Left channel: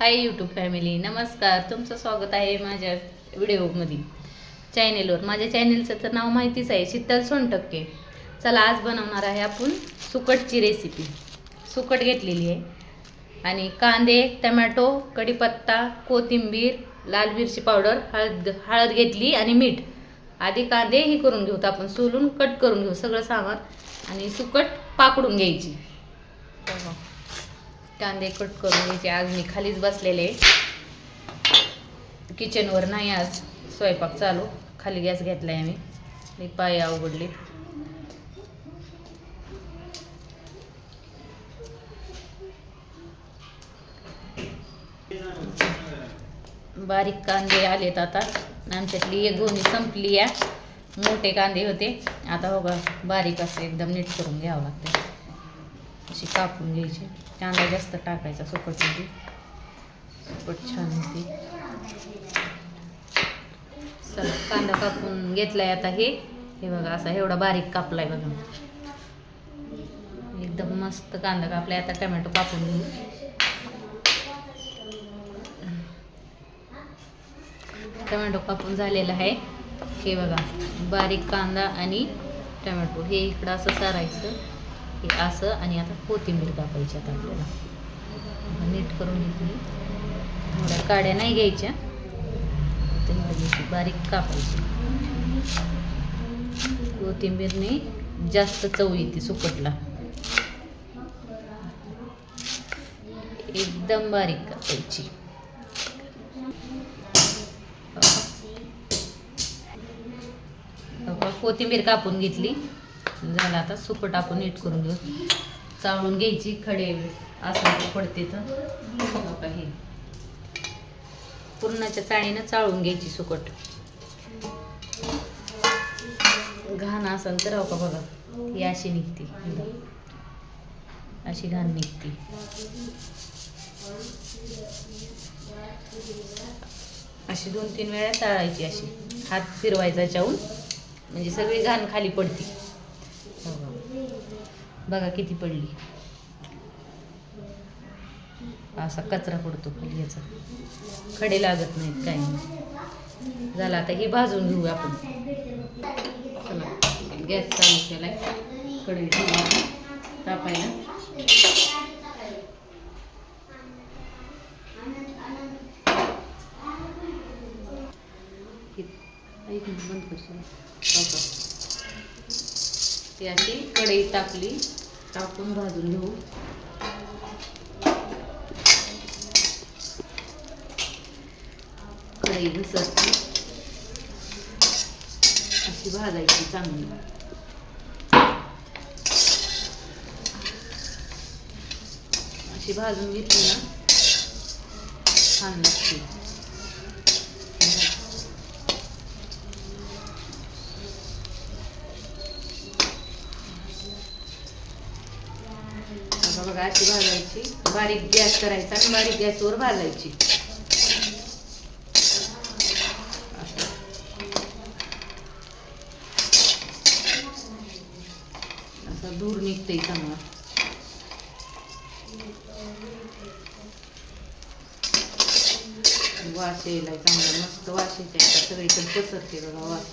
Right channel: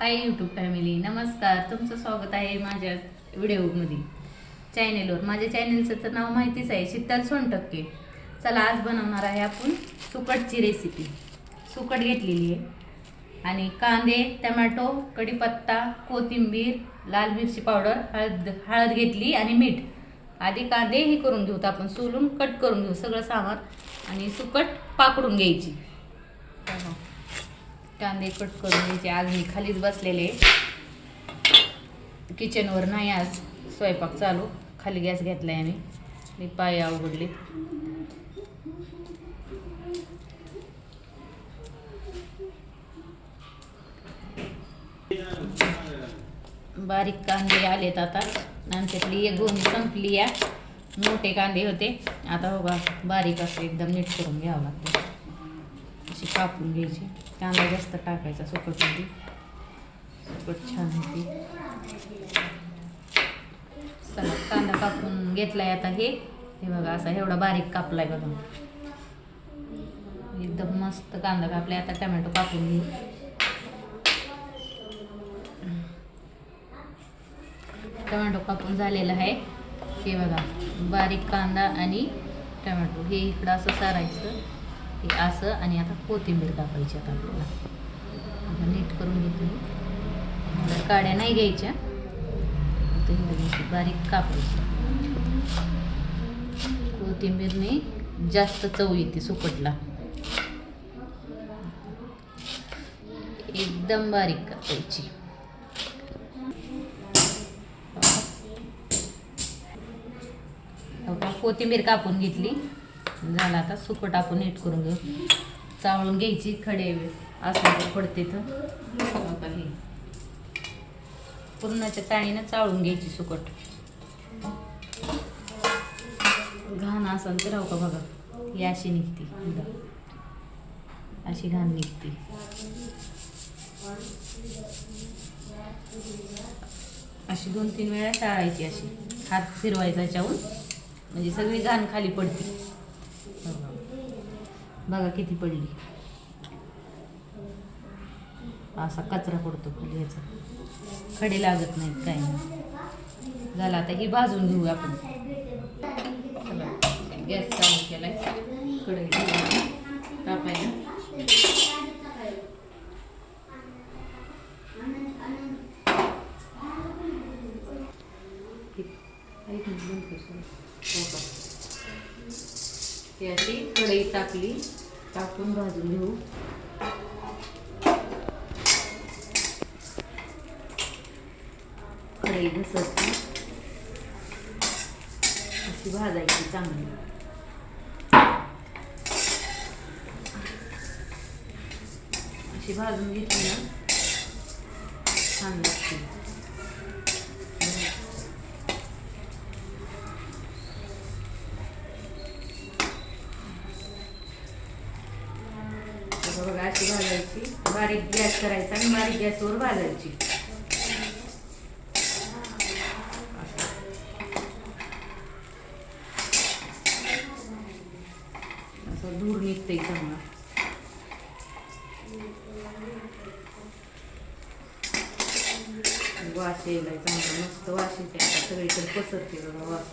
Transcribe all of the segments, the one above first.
Hi YouTube family, नमस्कार. तुमचं स्वागत आहे माझ्या व्हिडिओमध्ये चॅनेलवर. माझ्या चॅनेलचं तर नाव माहितीच आहे, शीतल सोनटक्के. चला, आज बनवणार आहे आपण सुकटची रेसिपी. सुकट घेतलेली आहे आणि कांदे, टमॅटो, कढीपत्ता, कोथिंबीर, लाल मिरची पावडर, हळद घेतली आणि मीठ. आधी कांदे ही करून घेऊत आपण, सोलून कट करून घेऊ सगळं सामान आणि सुकट पाकडून घ्यायची. कांदे कट करून घ्यायचे. आज मी खालीच बसलेले, किचनवर नाही आज स्वयंपाक चालू. खाली गॅस घेतला आहे मी पाय अवघडले. बारीक कांदे आलेत आता. आमच्यातली एक गोणी संपली आहे. मोठे कांदे होते, आता बघा बारीक असं एकदम नीट करून घ्यावं लागतं. अशी कापून घ्यायची. कांदा जास्त टाकायचा सुकटमध्ये, सुकट छान होती. चला, कांदा कापून घेतलाय आता. हे बघा असा एवढा बारीक कापलाय बघा, एकदम मस्त कांदा कापलाय. आता टमॅटो कापून घेऊ. टमॅटो कापून झालेला आहे. हे बघा बारीक कांदा आणि टमॅटो हे इकडं असं सारायचं, हे असं. आणि आता कोथिंबीर टाकायची. आता आपल्याला नीट करून घेतली. काड्या नाही घ्यायच्या, बारीक कापायची. कोथिंबीरने जास्त चव येते सुकटला. एकदम बारीक कापायची. कोथिंबीर कापून घेतली. झालं, आता सुकट आपण नीट करून घेऊ. चाळून घ्यायची. खडे असं पडते तर काही पूर्णाच्या चाळीनं चाळून घ्यायची सुकट. घाण असं तर राहू का बघा, ही अशी निघते, अशी घाण निघते. अशी 2-3 वेळा चाळायची. अशी हात फिरवायचा चावून, म्हणजे सगळी घाण खाली पडते. बघा किती पडली. असा कचरा पडतो खाली, याचा खडे लागत नाहीत काही नाही. झालं, आता ही भाजून घेऊ आपण. चला, गॅस चालू केलाय. कढई तापायला. बंद कर. ती अशी कढई तापली, टाकून भाजून घेऊ. कढई घसरते, अशी भाजायची चांगली. अशी भाजून घेतली ना छान लागते. बघा अशी भाजायची. बारीक गॅस करायचा आणि बारीक गॅसवर भाजायची. असा धूर निघते चांगला. वास यायला चांगला, मस्त वास येते. सगळीकडे पसरते बघा वास.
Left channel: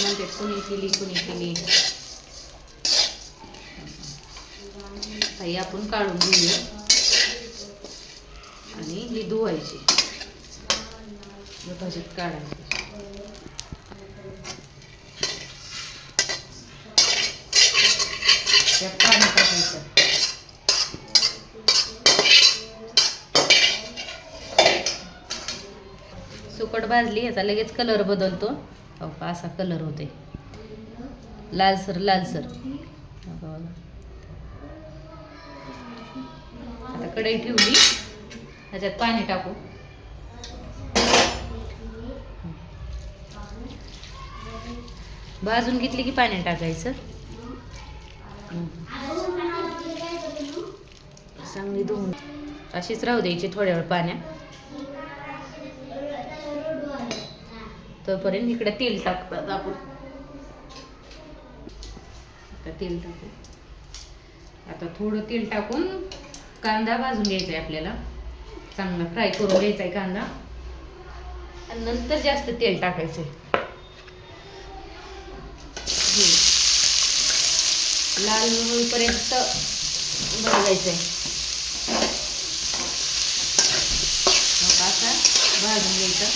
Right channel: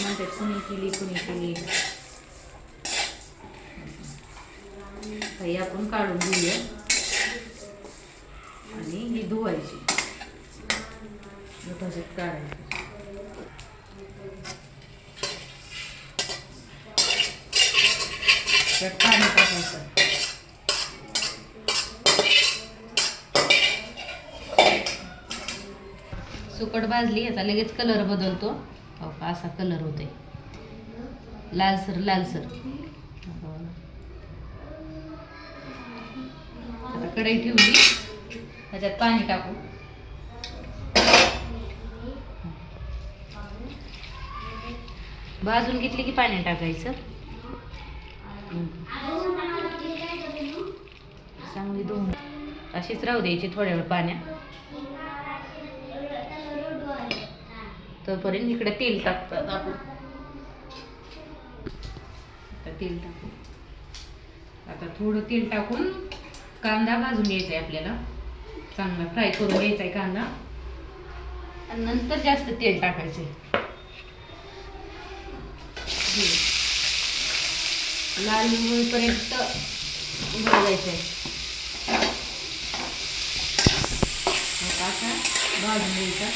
नंतर कुणी केली ही आपण काढून घेऊया आणि ही धुवायची. भाजीत काढायची. त्यात पाणी टाकायचं. सुकट भाजली. याचा लगेच कलर बदलतो. असा कलर होते, लालसर लालसर. आता कढई ठेवली, त्याच्यात पाणी टाकू. भाजून घेतली की पाणी टाकायचं. चांगली धुवून अशीच राहू द्यायची थोड्या वेळ पाण्यात. तोपर्यंत इकडे तेल टाकतात आपण. आता तेल टाकू. आता थोडं तेल टाकून कांदा भाजून घ्यायचा आहे आपल्याला. चांगला फ्राय करून घ्यायचा आहे कांदा आणि नंतर जास्त तेल टाकायचं. लाल होईपर्यंत भाजायचं आहे. असा भाजून घ्यायचा.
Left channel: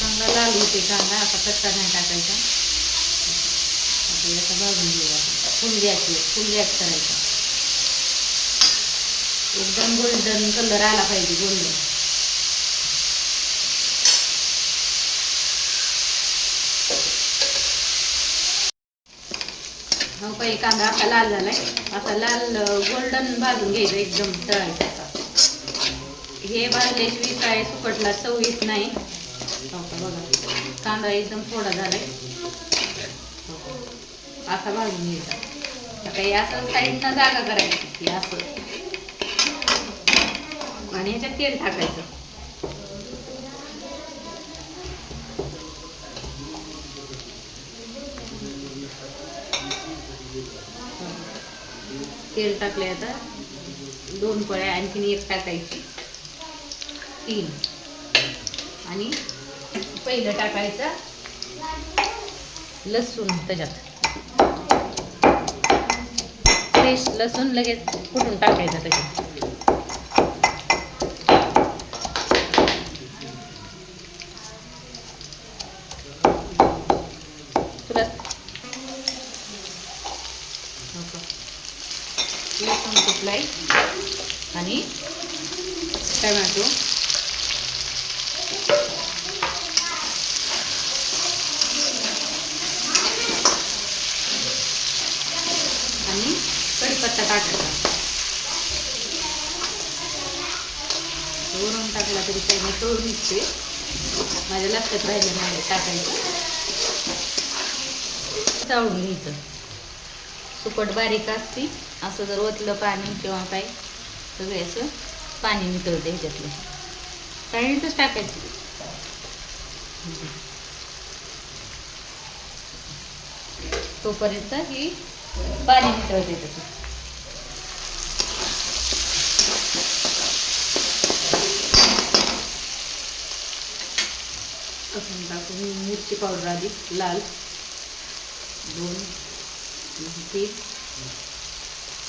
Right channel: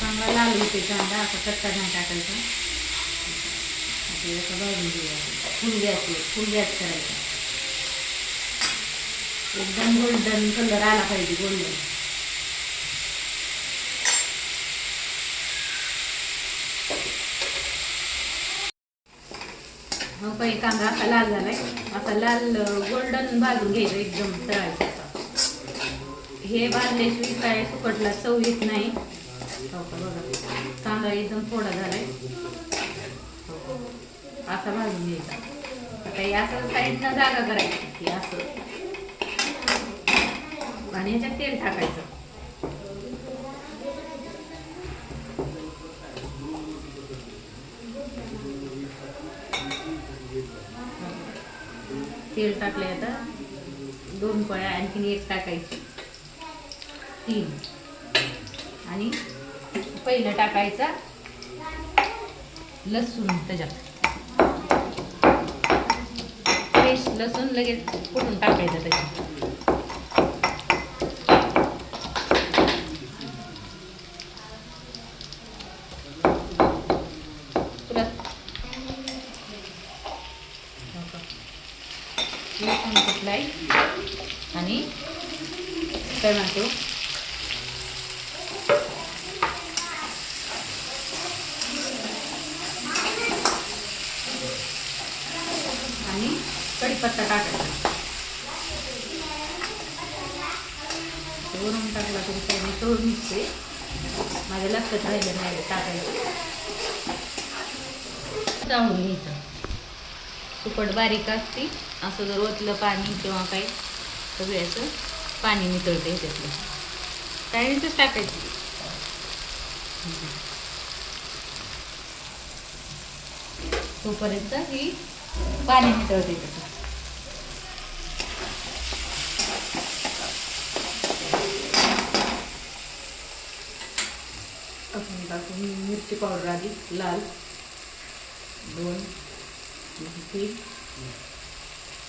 चांगला लाल होते कांदा. असा कच्चा नाही टाकायचा. आपल्याला असं भाजून घेऊया. फुल गॅस करायचा. एकदम गोल्डन कलर आला पाहिजे. गोल्डन काही कांदा असा लाल झालाय. असा लाल गोल्डन भाजून घ्यायचं. एकदम तळायचा. हे भाजल्याशिवाय काय सुकटला चव येत नाही. कांदा एकदम थोडा झालाय. असा भाजून घ्यायचा. आता हे असं साईडनं जागा करायची की असं आणि ह्याच्यात तेल टाकायचं. तेल टाकले. आता 2 पळ्या आणखीन 1 टाकायची. 3 आणि पहिलं टाकायचा लसूण. त्याच्यात फ्रेश लसूण लगेच कुटून टाकायचं त्याच्यात. लसूण कुटलाय आणि टोमॅटो आणि कढीपत्ता टाकायचा. वरून टाकला तरी काही नाही. तोड निघते. माझ्या लक्षात राहिलं नाही टाकायचं. चाळून घ्यायचं. सुकट बारीक असती. असं जर ओतलं पाणी किंवा काय सगळे असं पाणी नितळते ह्याच्यातलं. चाळणीतच टाकायचं. तोपर्यंत ही पाणी नितळते त्याचं. टाकून मिरची पावडर आधी लाल 2 3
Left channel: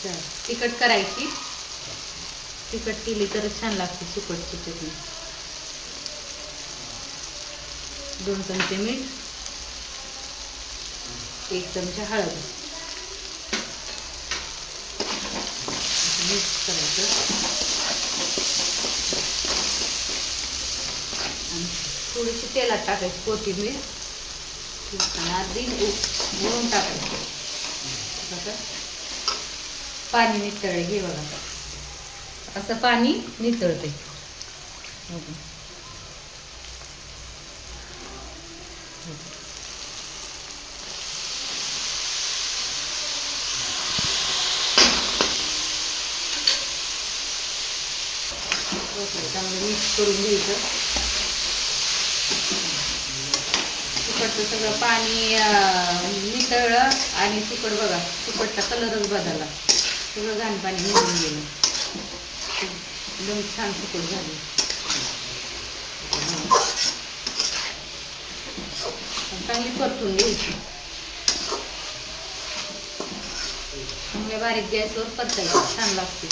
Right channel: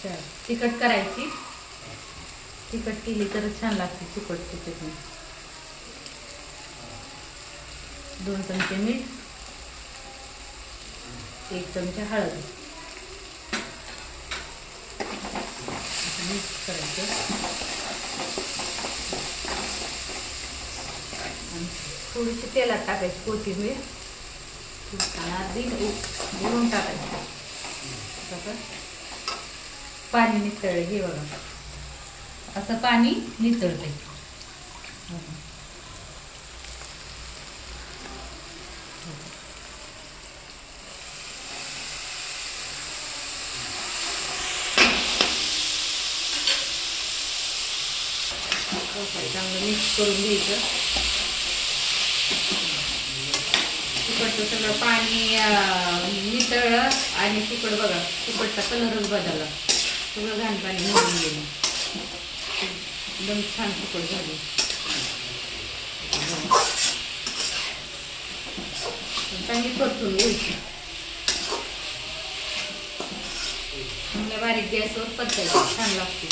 4 तिखट करायची. तिखट केली तर छान लागते सुकटची चटणी. 2 चमचे मीठ. 1 चमचा हळद. मिक्स करायचं. आणि थोडीशी तेलात टाकायची कोथिंबीर. अर्धी गुळून टाकायचं. पाणी नितळले. हे बघा असं पाणी नितळते. चांगलं मिक्स करून घ्यायचं. सुकटचं सगळं पाणी नितळलं आणि सुकट बघा सुकटचा कलरच बदलला. सगळं घाण पाणी निघून गेलं. एकदम छान सुकट झाली. चांगली परतून घ्यायची. चांगल्या बारीक गॅसवर परतायची. छान लागते.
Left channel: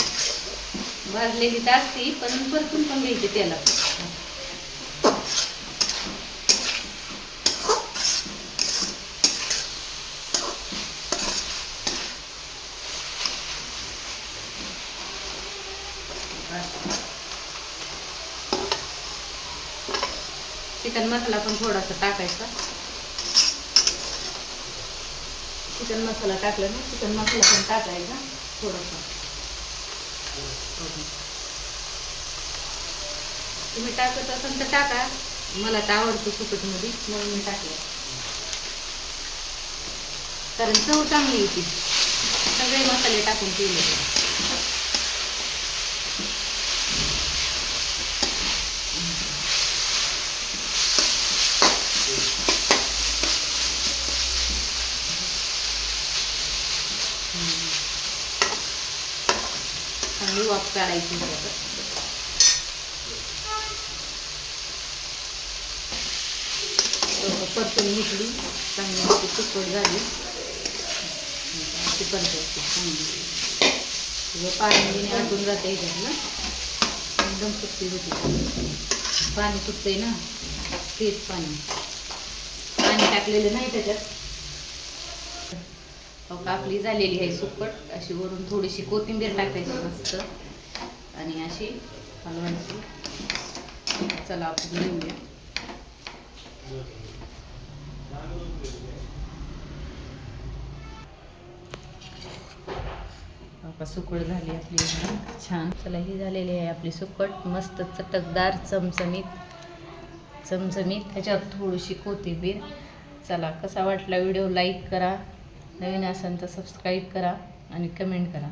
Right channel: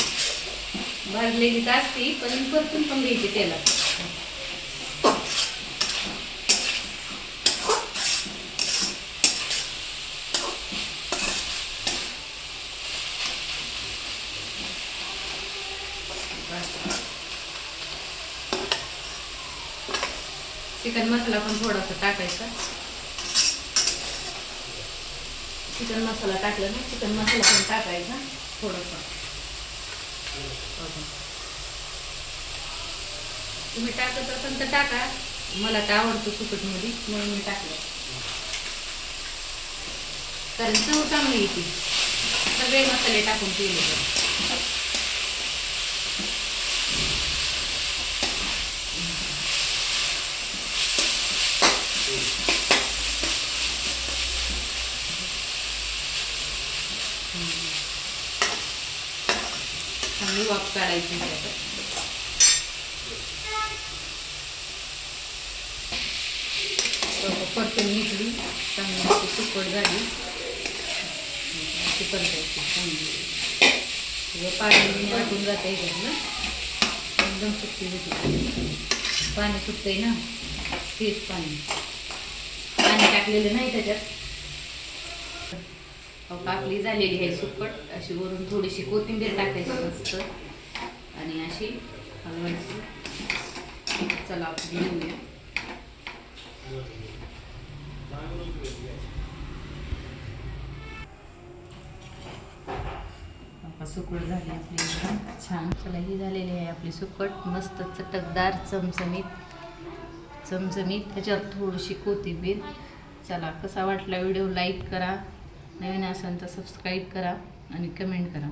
भाजलेली तर असते पण परतून पण घ्यायची तेलात. चिकन मसाला पण थोडासा टाकायचा. चिकन मसाला टाकला ना. चिकन मसाला पण टाकायचा थोडासा. तुम्ही टाकत असाल तर टाका. मला तर आवडतं सुकटमध्ये म्हणून मी टाकलं. कारण चव चांगली येते सगळे मसाले टाकून केले. चांगली वाफ काढायची आता. परतून घेतली, चांगली सुकट झाली. अशी परतायची चांगली, सगळं पाणी आटून जातं याच्यातलं, एकदम सुट्टी होती. पाणी सुटतंय ना, तेच पाणी टाकलेलं नाही त्याच्यात. कापली झालेली आहे सुकट. अशी वरून थोडीशी कोथिंबीर टाकायची मस्त आणि अशी हलवायची. चला आपण घेऊया. सुकट झाली आपली छान. चला ही झालेली आहे आपली सुकट, मस्त चटकदार चमचमीत. त्याच्यात थोडीशी कोथिंबीर. चला कसा वाटला व्हिडिओ, लाईक करा, नवीन असेल तर सबस्क्राईब करा आणि कमेंट करा.